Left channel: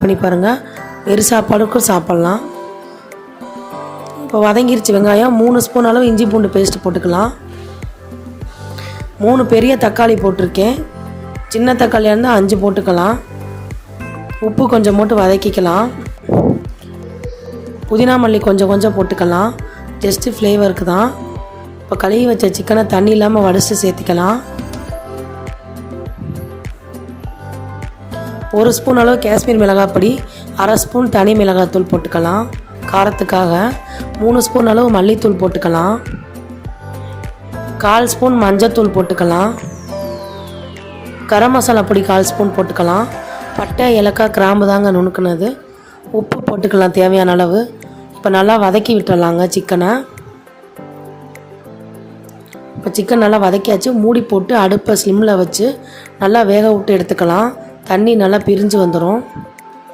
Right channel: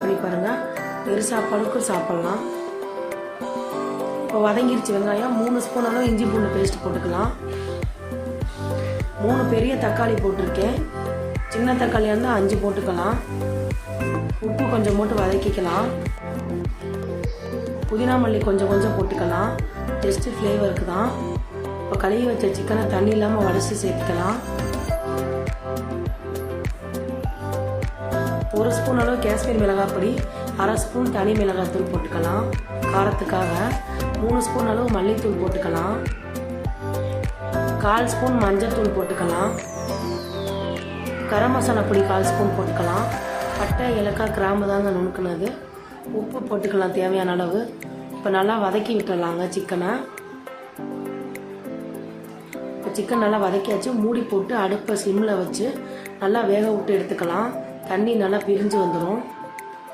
பண்ணி பாருங்கள். வெறும் சாப்பாடுக்கும் சாப்பிட்லாம். இப்போ வதங்கிருச்சு வெங்காயம். 3 ஸ்பூன் அளவு இஞ்சி பூண்டு பேஸ்ட்டு போட்டுக்கலாம். 3 பெரிய தக்காளி போட்டிருக்கேன். சின்ன தக்காளியாக இருந்தால் 5 போட்டுக்கலாம். உப்பு கொஞ்சம் போட்டு வதக்கிக்கலாம். புதினா மல்லி கொஞ்சம் போட்டுக்கலாம். ஜஸ்ட்டு ஃப்ளேவருக்கு தான். இப்போ கழுவி வச்ச சிக்கனை தண்ணி இல்லாமல் வடித்து சேர்த்துக்கலாம். 1 ஸ்பூன் அளவு காஷ்மீர் மிளகாய் பொடி, 1/2 ஸ்பூன் தனி மிளகாய்த்தூள் போட்டுக்கலாம். காரத்துக்காக 3 ஸ்பூன் அளவு மல்லித்தூள் போட்டுக்கலாம். 1/4 ஸ்பூன் மஞ்சத்தூள் போட்டுக்கலாம். கரம் மசாலா பொடி 1/4 ஸ்பூன் போட்டுக்கலாம். பட்டை ஏலக்காய் கிராம்பு தாங்க நுணுக்குனது. உப்பு போட்டுக்கலாம் தேவையான அளவு. இப்போ நல்லா வதக்கி விட்டுடலாங்க சிக்கனை. இப்போ சிக்கன் நல்லா வதக்கியாச்சு. மூடி போட்டு அடுப்பை ஸ்லிம்மில் வச்சு நல்லா வேக விட்டு எடுத்துக்கலாம். தண்ணி நல்லா பிரிஞ்சு வந்துடும்.